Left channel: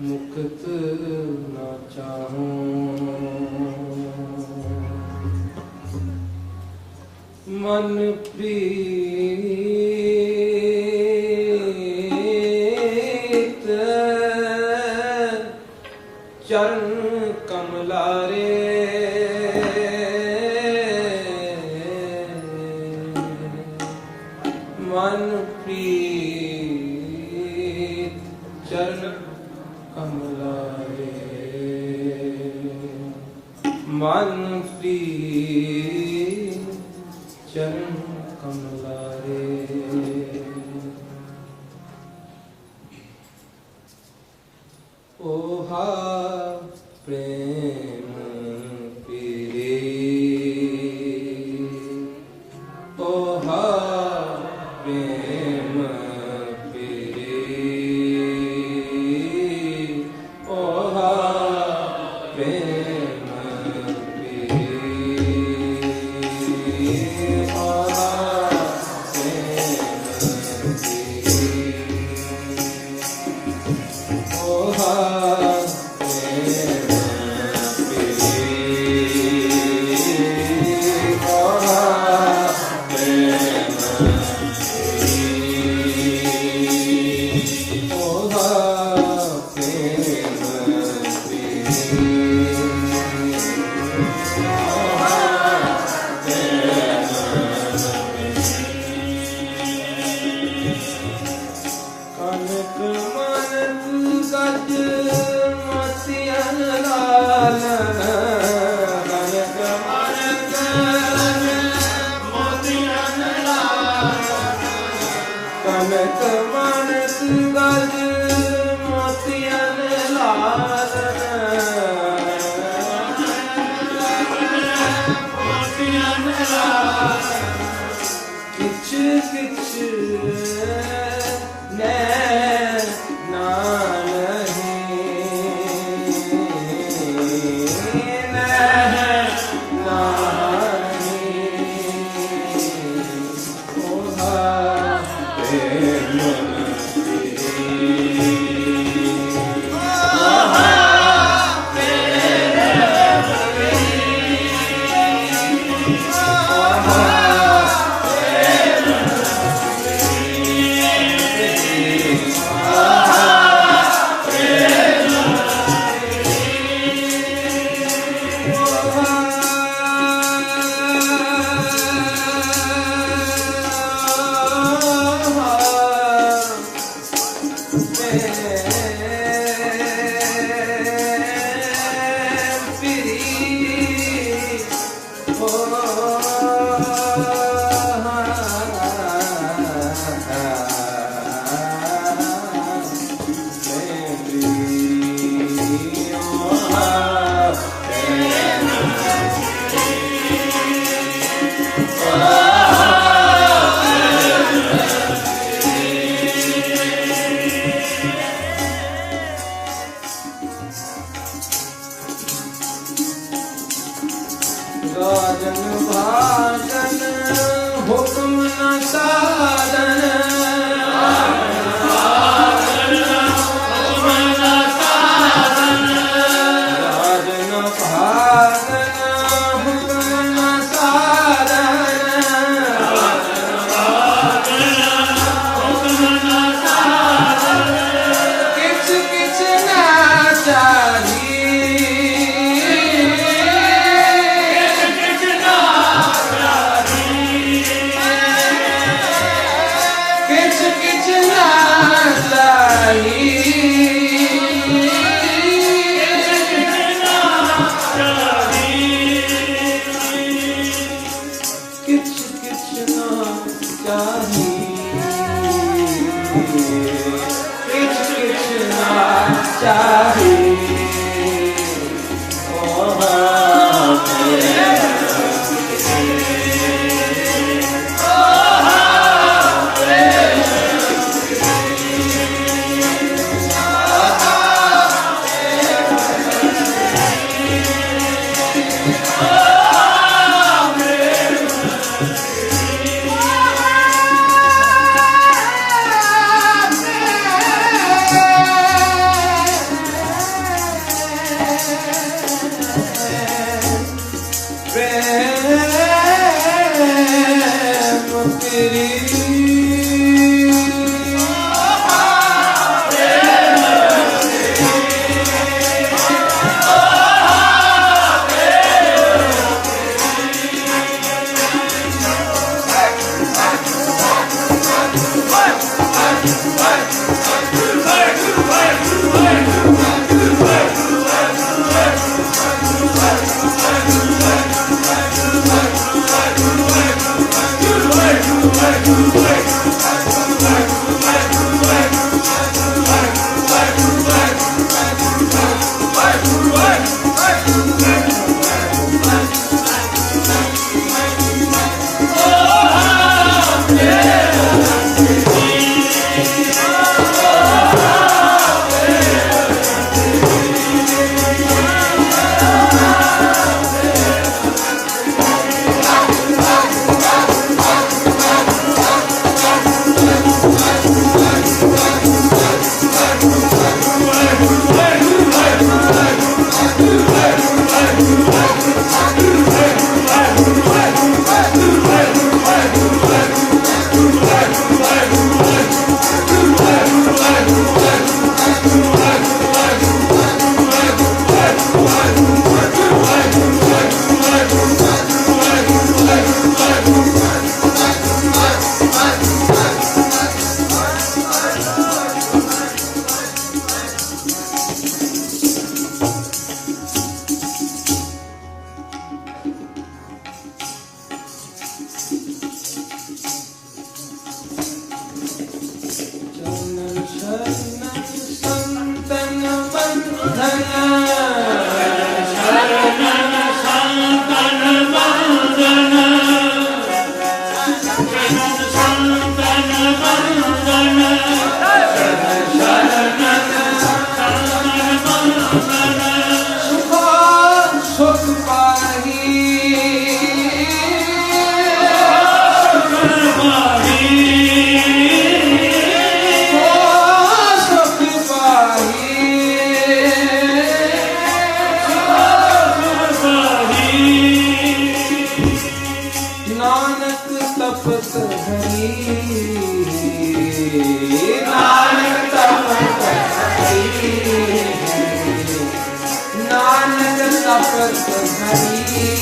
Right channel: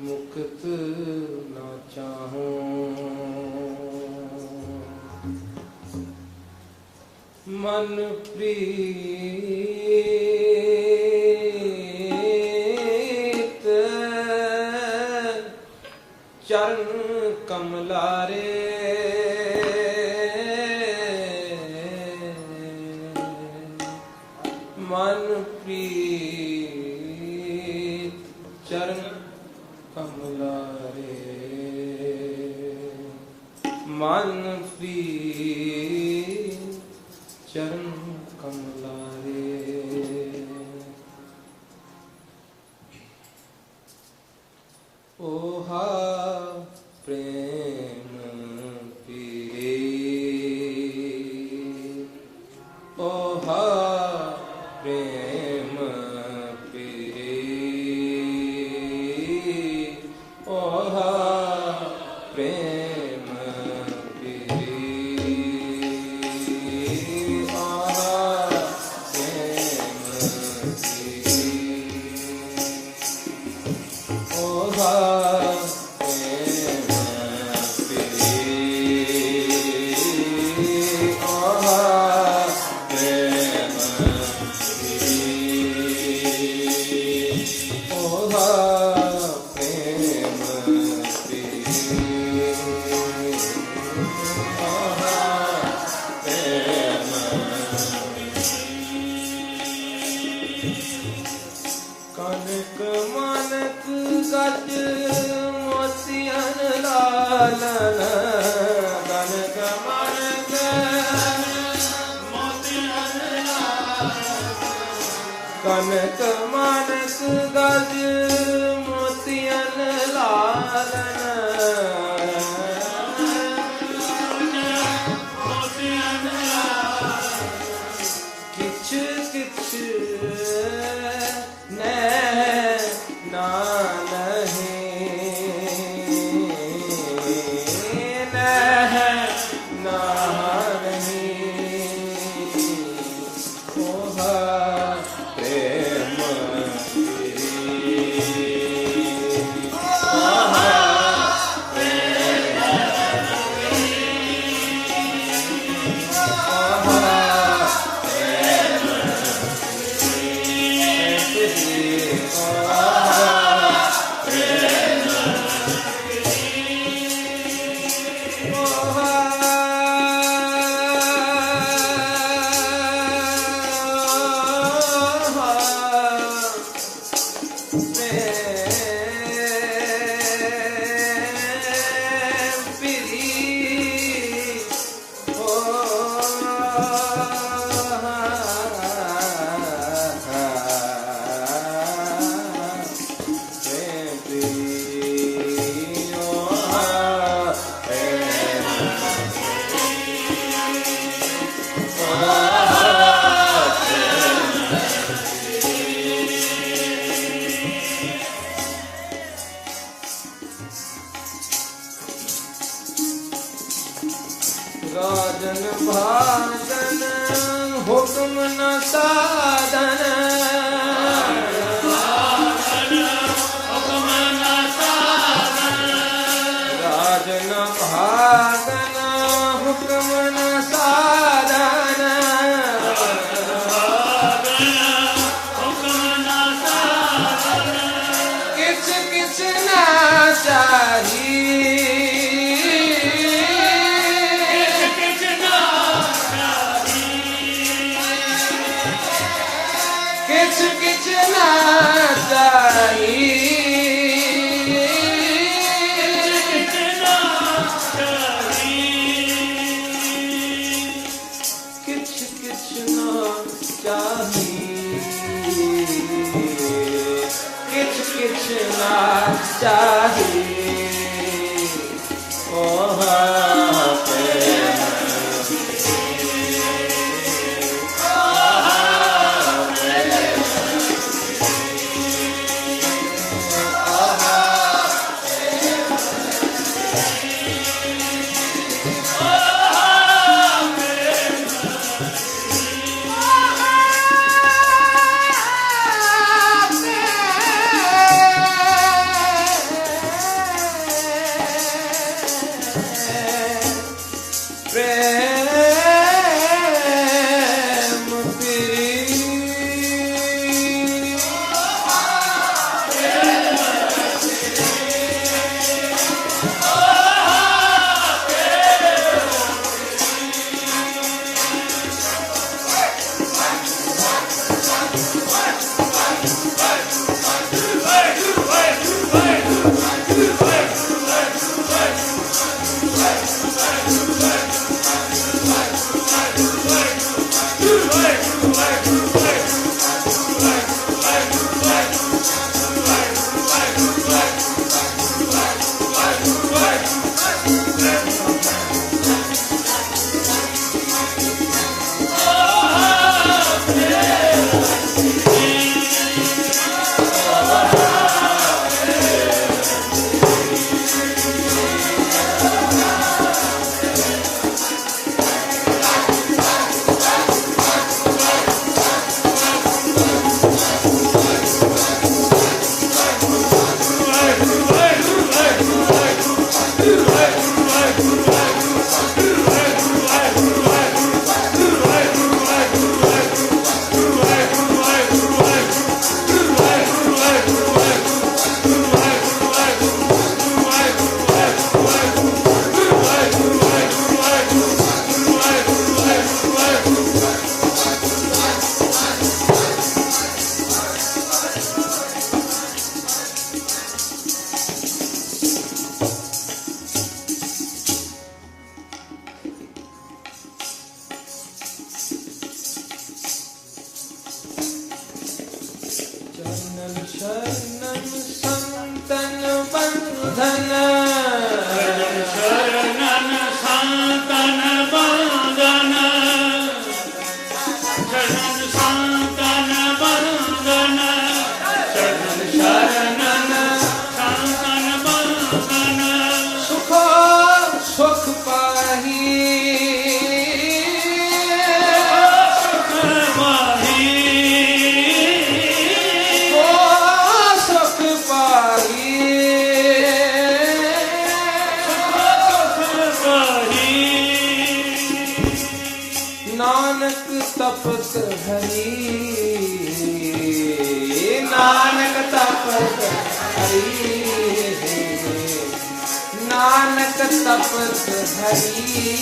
ਮੁਕਤ ਨਾ ਚਾਹੂੰ। ਮਨ ਪ੍ਰੀਤ ਚਰਨ ਕਮਲਾਰੇ ਨਾਮ ਲਾਏ ਮਨ ਫਰੀ ਚਰਨ ਕਮਲਾਏ ओहा प्रेम ਕਨਕ ਮਨ ਸਦਾ ਜੀ ਸਾਜਨ ਭਾਜਨ ਹੁਕਮ ਨਾ ਸਾਧਨ star. Sharnam Santanam Vandhanam तपत हरी नानक तपत हरी नानक तपत हरी